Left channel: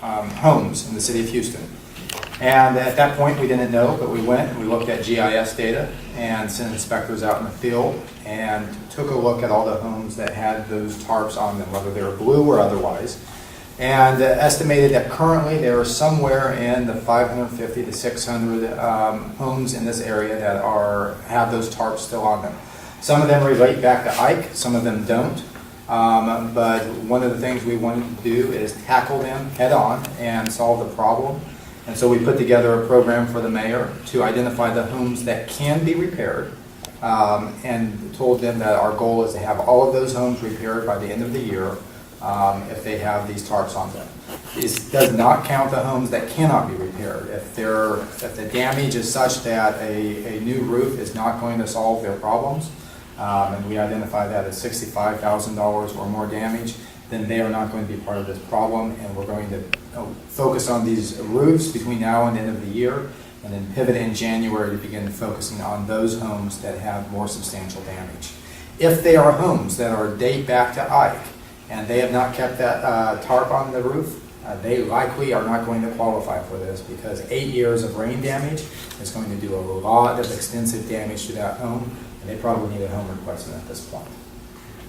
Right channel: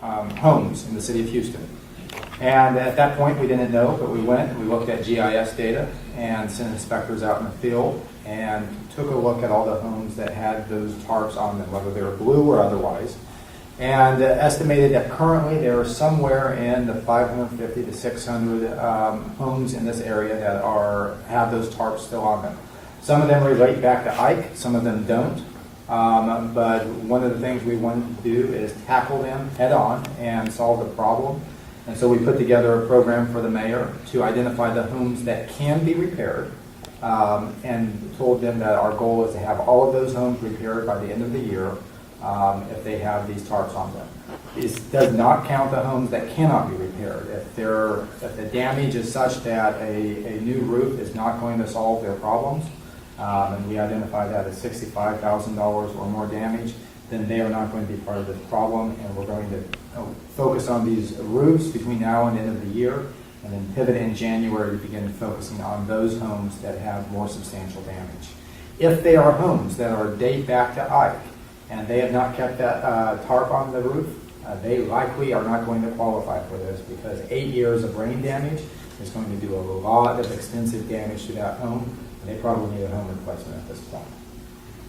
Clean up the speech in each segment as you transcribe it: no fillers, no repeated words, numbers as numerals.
homes in the city of Houston. And at that point, we didn't know, but we went and we looked at GIS data and sent inspectors out in the field and took a look at all the homes that had those tarps on them, whether they were blue or otherwise, and estimated that currently there are somewhere in the 550 to 600 homes in this area that have those tarps still on them. Some of them relate back to Ike, some of them don't. But one of the things we wanted to do is tackle them head on and solve the problem. And so we put together a program for the mayor to identify the homes that can be repaired, and told them that our goal is to have all of those homes repaired by the end of the year if they have these tarps on them. This does not count the homes that cannot be repaired. If the damage is such that a new roof is not going to solve their problems, and we identify that as $65,000 or more damage, then they are not going to be part of this problem, and we're going to focus on these roofs between now and the end of the year, and then pivot in January to begin focusing on those homes that have more substantial damage. If they are homes that are date back to Ike, and they have not kept that tarp on the roof, they likely are not going to qualify for this, because 8 years of rain damage is going to do a lot of extensive damage to that home, and they probably need a home replacement at this point.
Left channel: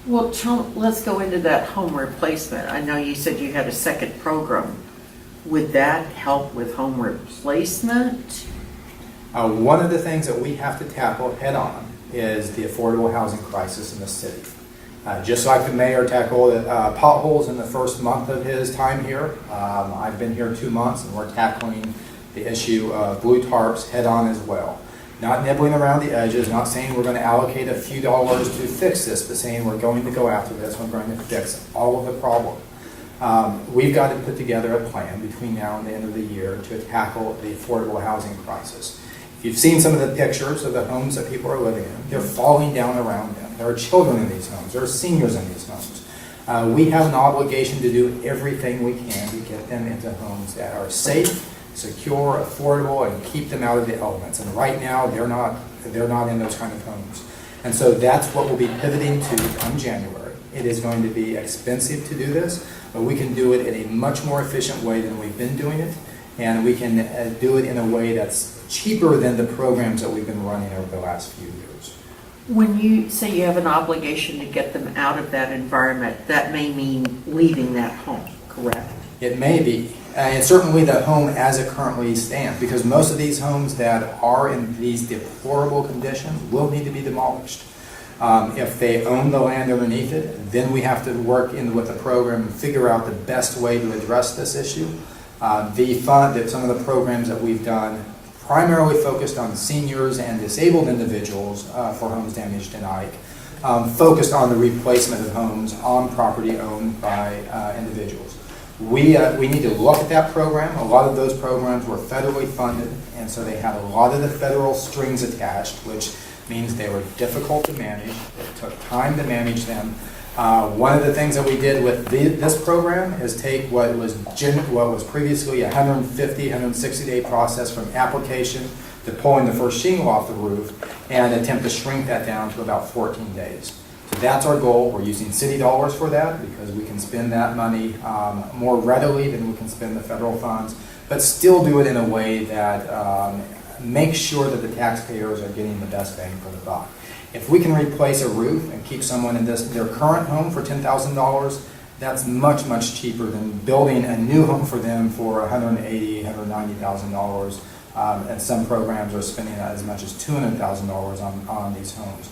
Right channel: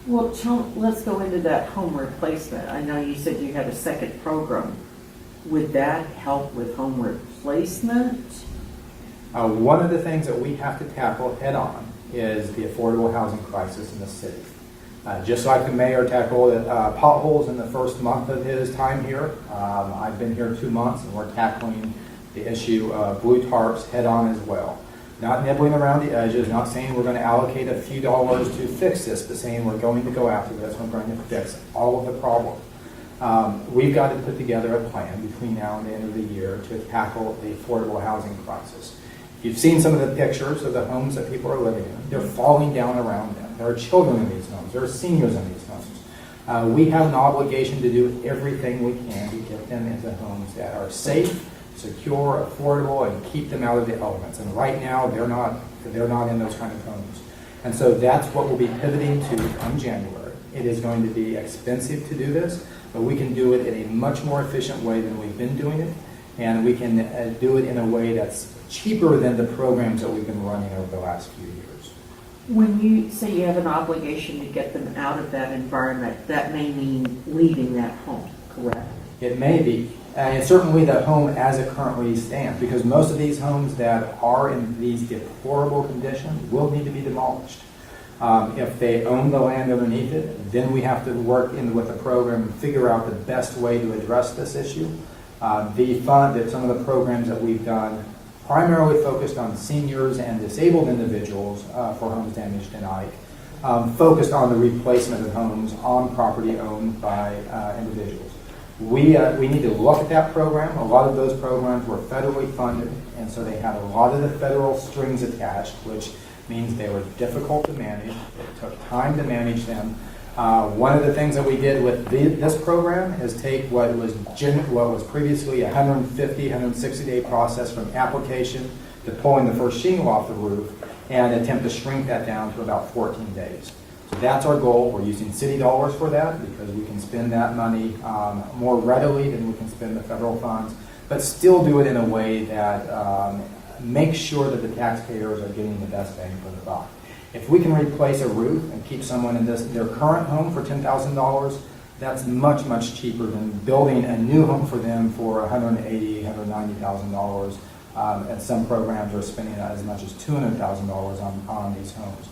Well, let's go into that home replacement. I know you said you had a second program. Would that help with home replacement? One of the things that we have to tackle head on is the affordable housing crisis in the city. Just like the mayor tackled potholes in the first month of his time here, I've been here 2 months, and we're tackling the issue of blue tarps head on as well. Not nibbling around the edges, not saying we're going to allocate a few dollars to fix this, but saying we're going to go after this, we're going to fix all of the problem. We've got to put together a plan between now and the end of the year to tackle the affordable housing crisis. If you've seen some of the pictures of the homes that people are living in, they're falling down around them. There are children in these homes. There are seniors in these homes. We have an obligation to do everything we can to get them into homes that are safe, secure, affordable, and keep them out of the elements. And right now, they're not in those kind of homes. And so that's what we'll be pivoting to come January. It is going to be expensive to do this, but we can do it in a much more efficient way than we've been doing it, and we can do it in a way that's cheaper than the programs that we've been running over the last few years. When you say you have an obligation to get them out of that environment, that may mean leaving that home, correct? It may be. And certainly the home as it currently stands, because most of these homes that are in these deplorable conditions will need to be demolished. If they own the land underneath it, then we have to work in with the program and figure out the best way to address this issue. Some of the programs that we've done primarily focused on seniors and disabled individuals for homes damaged in Ike, focused on the replacement of homes on property owned by individuals. We need to look at that program. A lot of those programs were federally funded, and so they had a lot of the federal strings attached, which means they were difficult to manage. It took time to manage them. One of the things that we did with this program is take what was previously a 150, 160-day process from application to pulling the first shingle off the roof and attempt to shrink that down to about 14 days. So that's our goal. We're using city dollars for that because we can spend that money more readily than we can spend the federal funds, but still do it in a way that makes sure that the taxpayers are getting the best bang for the buck. If we can replace a roof and keep someone in their current home for $10,000, that's much, much cheaper than building a new home for them for $180,000, $190,000. And some programs are spending as much as $200,000 on these homes.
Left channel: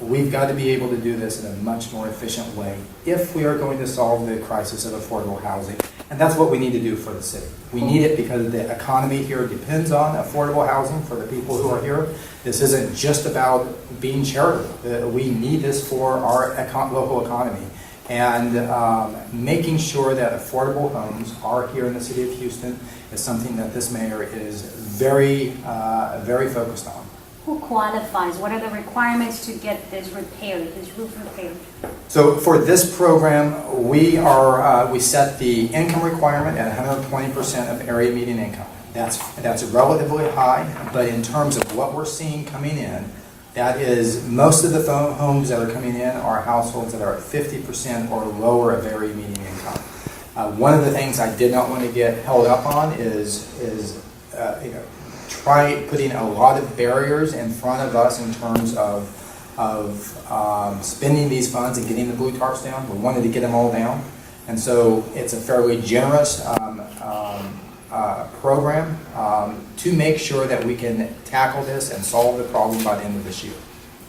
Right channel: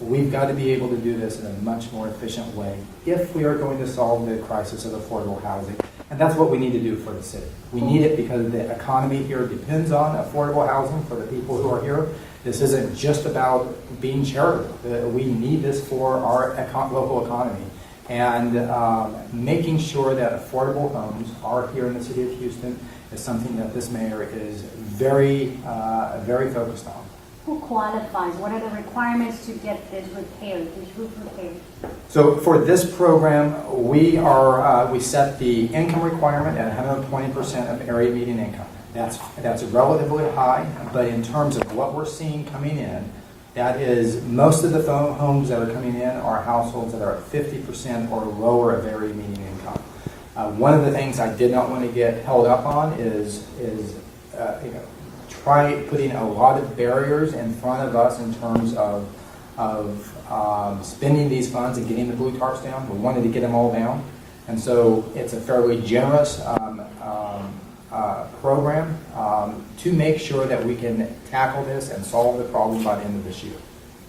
We've got to be able to do this in a much more efficient way if we are going to solve the crisis of affordable housing. And that's what we need to do for the city. We need it because the economy here depends on affordable housing for the people who are here. This isn't just about being charitable. We need this for our local economy. And making sure that affordable homes are here in the city of Houston is something that this mayor is very, very focused on. Who qualifies? What are the requirements to get this repaired, this roof repaired? So for this program, we set the income requirement at 120% of area median income. That's relatively high, but in terms of what we're seeing coming in, that is most of the homes that are coming in are households that are at 50% or lower of area median income. One of the things I did not want to get held up on is try putting a lot of barriers in front of us in terms of spending these funds and getting the blue tarps down. We wanted to get them all down. And so it's a fairly generous program to make sure that we can tackle this and solve the problem by the end of this year.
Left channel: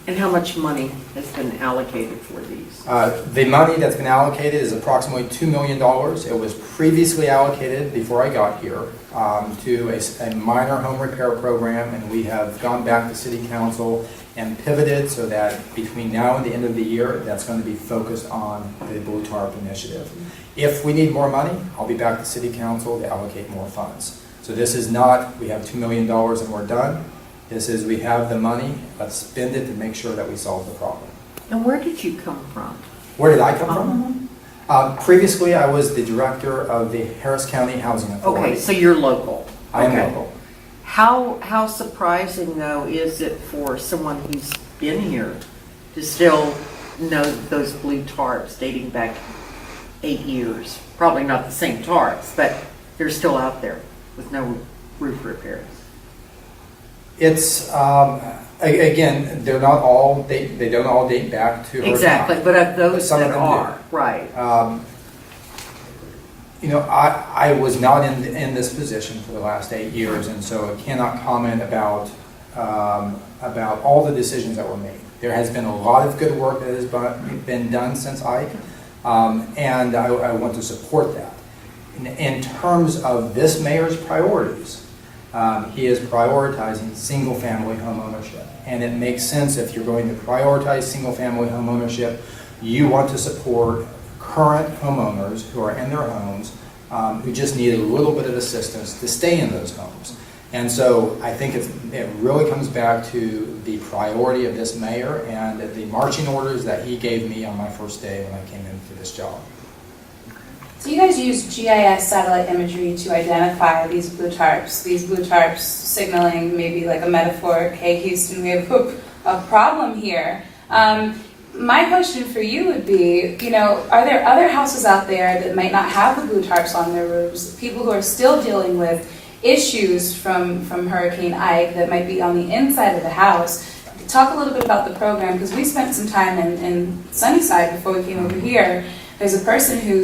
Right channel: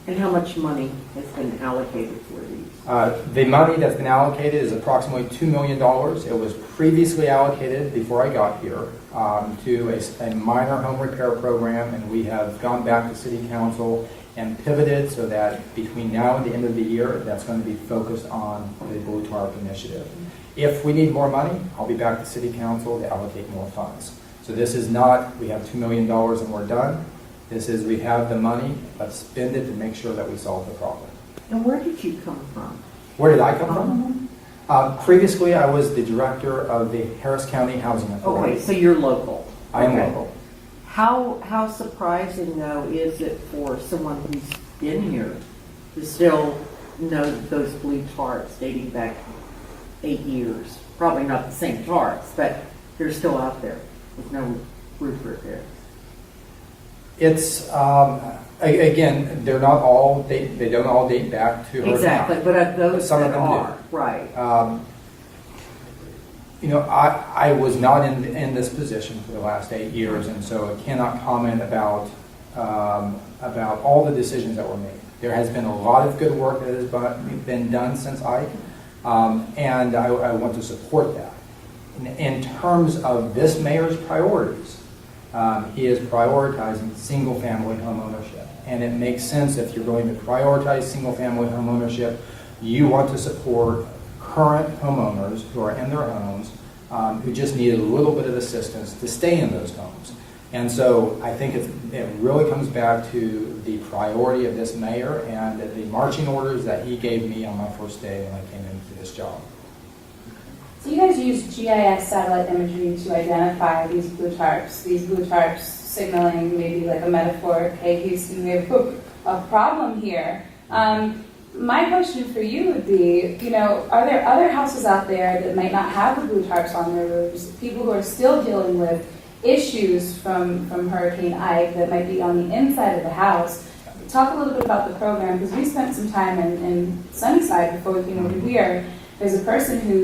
And how much money has been allocated for these? The money that's been allocated is approximately $2 million. It was previously allocated before I got here to a minor home repair program, and we have gone back to City Council and pivoted so that between now and the end of the year, that's going to be focused on the Blue Tarp initiative. If we need more money, I'll be back to City Council to allocate more funds. So this is not, we have $2 million and we're done. This is, we have the money, let's spend it to make sure that we solve the problem. And where did you come from? Where did I come from? Previously, I was the director of the Harris County Housing Authority. Okay, so you're local. I am Okay. local. How surprising, though, is it for someone who's been here to still know those blue tarps dating back 8 years? Probably not the same tarps, but they're still out there with no roof repairs. It's, again, they're not all, they don't all date back to Harris Exactly, County. but of those Some that of them are, do. right. I was not in this position for the last 8 years, and so I cannot comment about all the decisions that were made. There has been a lot of good work that has been done since Ike, and I want to support that. In terms of this mayor's priorities, he is prioritizing single-family home ownership. And it makes sense if you're going to prioritize single-family home ownership, you want to support current homeowners who are in their homes who just need a little bit of assistance to stay in those homes. And so I think it really comes back to the priority of this mayor and the marching orders that he gave me on my first day when I came into this job. So you guys use GIS satellite imagery to identify these blue tarps signaling maybe like a metaphor, hey Houston, we have a problem here. My question for you would be, are there other houses out there that might not have the blue tarps on their roofs, people who are still dealing with issues from Hurricane Ike that might be on the inside of the house? Talk a little bit about the program, because we spent some time in Sunnyside before we came over here. There's a person who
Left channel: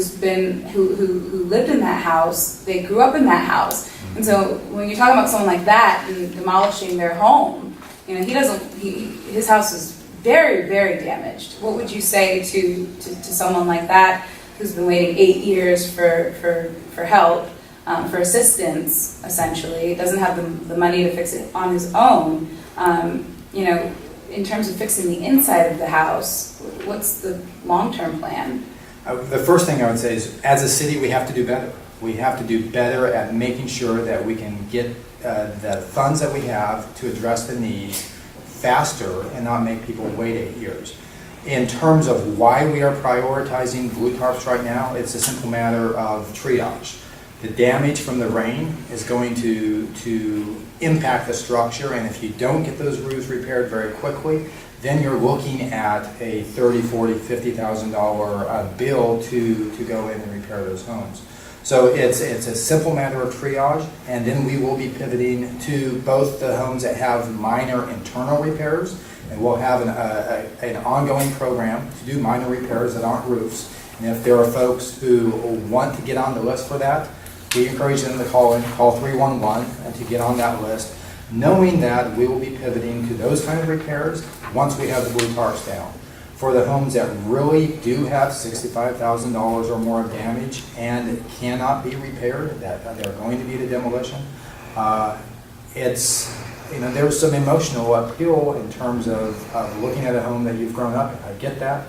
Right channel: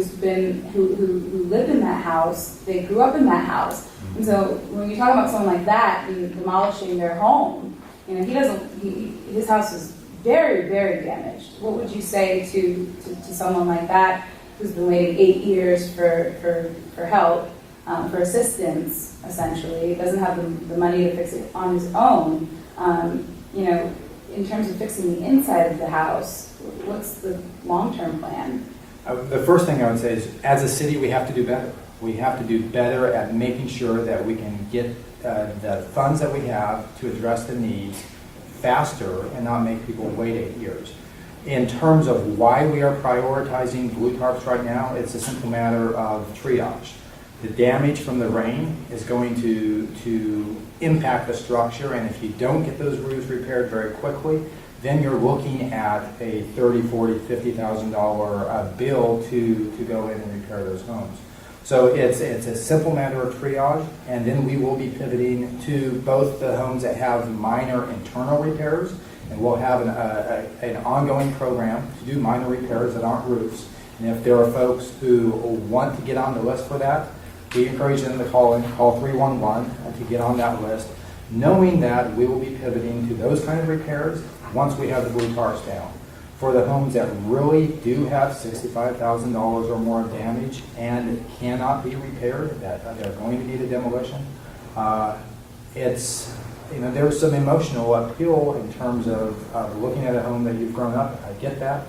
lived in that house. They grew up in that house, and so when you're talking about someone like that and demolishing their home, his house is very, very damaged. What would you say to someone like that who's been waiting 8 years for help, for assistance, essentially, doesn't have the money to fix it on his own? In terms of fixing the inside of the house, what's the long-term plan? The first thing I would say is, as a city, we have to do better. We have to do better at making sure that we can get the funds that we have to address the needs faster and not make people wait 8 years. In terms of why we are prioritizing blue tarps right now, it's a simple matter of triage. The damage from the rain is going to impact the structure, and if you don't get those roofs repaired very quickly, then you're looking at a $30,000, $40,000, $50,000 bill to go in and repair those homes. So it's a simple matter of triage, and then we will be pivoting to both the homes that have minor internal repairs, and we'll have an ongoing program to do minor repairs that aren't roofs. And if there are folks who want to get on the list for that, we encourage them to call 311 to get on that list, knowing that we will be pivoting to those kind of repairs once we have the blue tarps down. For the homes that really do have $65,000 or more of damage and cannot be repaired, that they're going to be the demolition, there's some emotional appeal in terms of looking at a home that you've grown up in. I get that,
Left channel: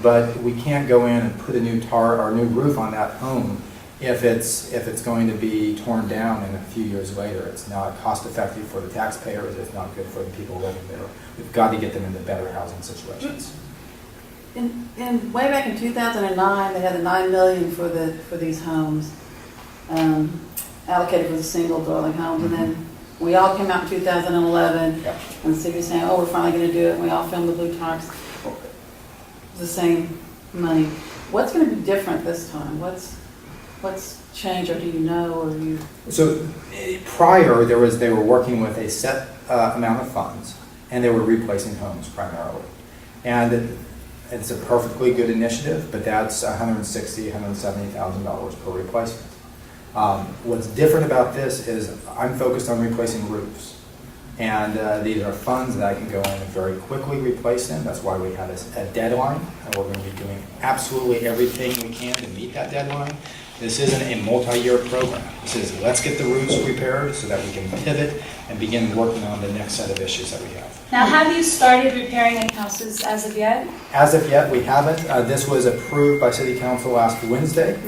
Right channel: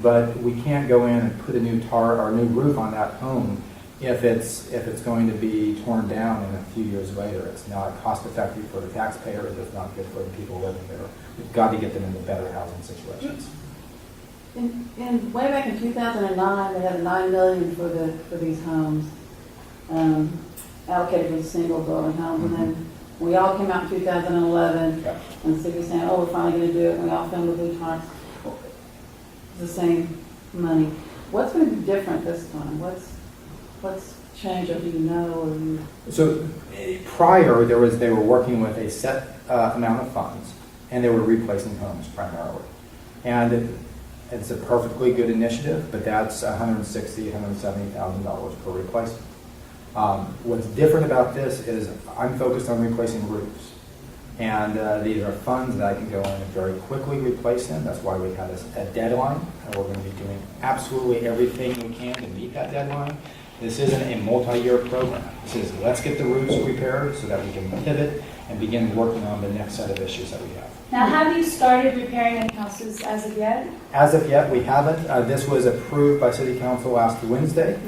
but we can't go in and put a new new roof on that home if it's going to be torn down in a few years later. It's not cost effective for the taxpayers. It's not good for the people living there. We've got to get them into better housing situations. And way back in 2009, they had the $9 million for these homes allocated for the single dwelling homes, and then we all came out in 2011, Yep. and the city was saying, "Oh, we're finally going to do it." And we all filmed the blue tarps. It's the same money. What's going to be different this time? What's changed, or do you know, or you? So prior, they were working with a set amount of funds, and they were replacing homes primarily. And it's a perfectly good initiative, but that's $160,000, $170,000 per replacement. What's different about this is I'm focused on replacing roofs. And these are funds that I can go in and very quickly replace them. That's why we have a deadline, and we're going to be doing absolutely everything we can to meet that deadline. This isn't a multi-year program. This is let's get the roofs repaired so that we can pivot and begin working on the next set of issues that we have. Now, have you started repairing any houses as of yet? As of yet, we haven't. This was approved by City Council last Wednesday,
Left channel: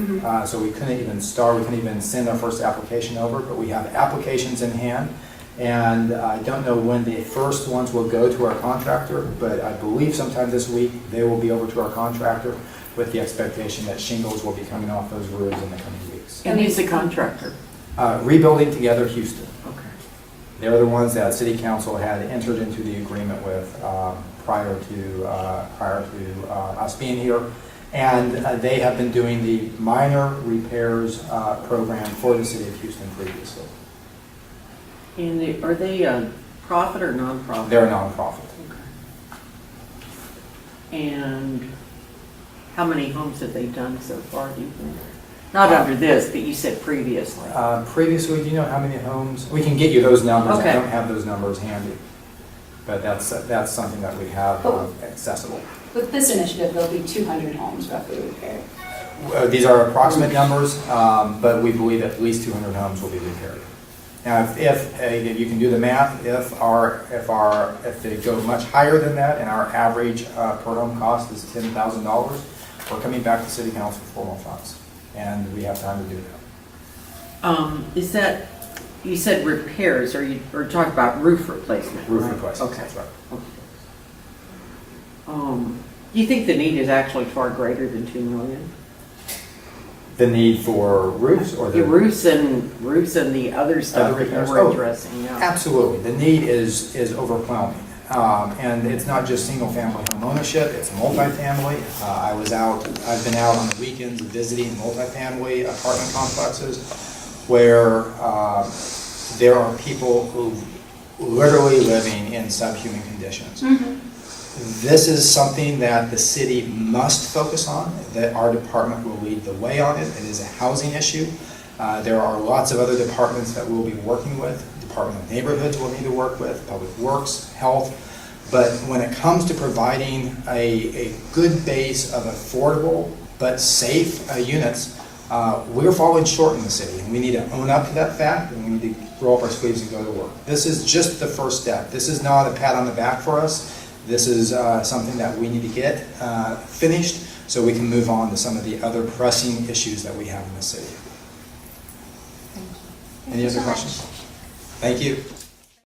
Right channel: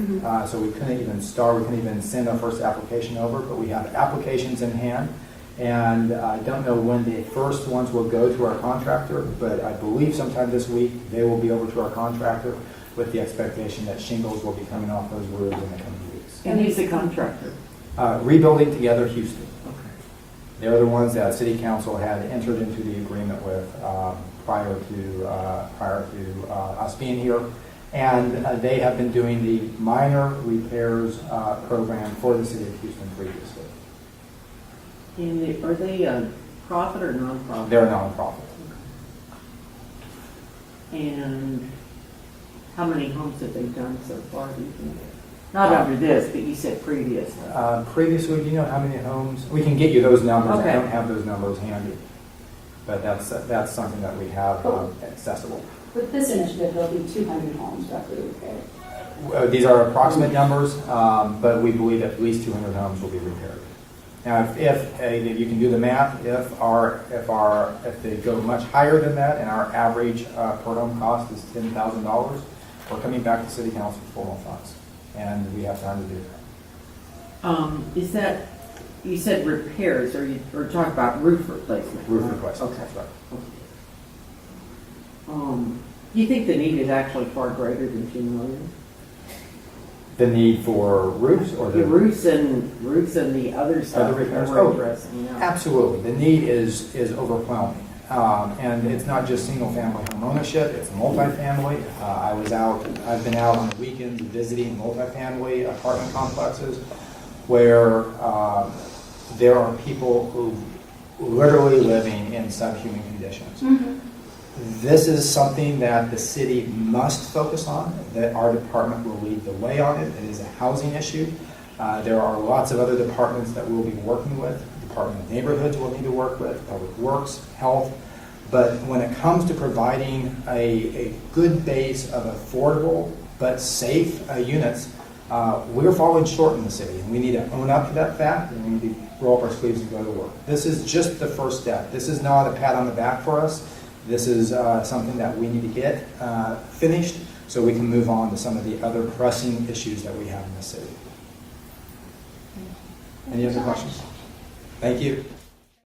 so we couldn't even start. We couldn't even send our first application over, but we have applications in hand. And I don't know when the first ones will go to our contractor, but I believe sometime this week they will be over to our contractor with the expectation that shingles will be coming off those roofs in the coming weeks. And who's the contractor? Rebuilding Together Houston. Okay. They're the ones that City Council had entered into the agreement with prior to us being here. And they have been doing the minor repairs program for the City of Houston previously. And are they a profit or nonprofit? They're a nonprofit. Okay. And how many homes have they done so far, do you think? Not under this, but you said previously. Previously, do you know how many homes? We can get you those numbers. Okay. I don't have those numbers handy. But that's something that we have accessible. With this initiative, there'll be 200 homes roughly repaired. These are approximate numbers, but we believe at least 200 homes will be repaired. Now, if you can do the math, if they go much higher than that, and our average per home cost is $10,000, we're coming back to City Council for more funds, and we have time to do that. Is that, you said repairs, or talking about roof replacement? Roof right? replacement, Okay. that's right. Do you think the need is actually far greater than $2 million? The need for roofs or The roofs and the other stuff Other that repairs? we're addressing, yeah. Absolutely. The need is overwhelming. And it's not just single-family home ownership, it's multifamily. I've been out on the weekends visiting multifamily apartment complexes where there are people who literally living in subhuman conditions. This is something that the city must focus on, that our department will lead the way on it. It is a housing issue. There are lots of other departments that we'll be working with. Department of Neighborhoods we'll need to work with, Public Works, Health. But when it comes to providing a good base of affordable but safe units, we're falling short in the city. And we need to own up to that fact, and we need to roll up our sleeves and go to work. This is just the first step. This is not a pat on the back for us. This is something that we need to get finished so we can move on to some of the other pressing issues that we have in the city. Any other questions? Thank you.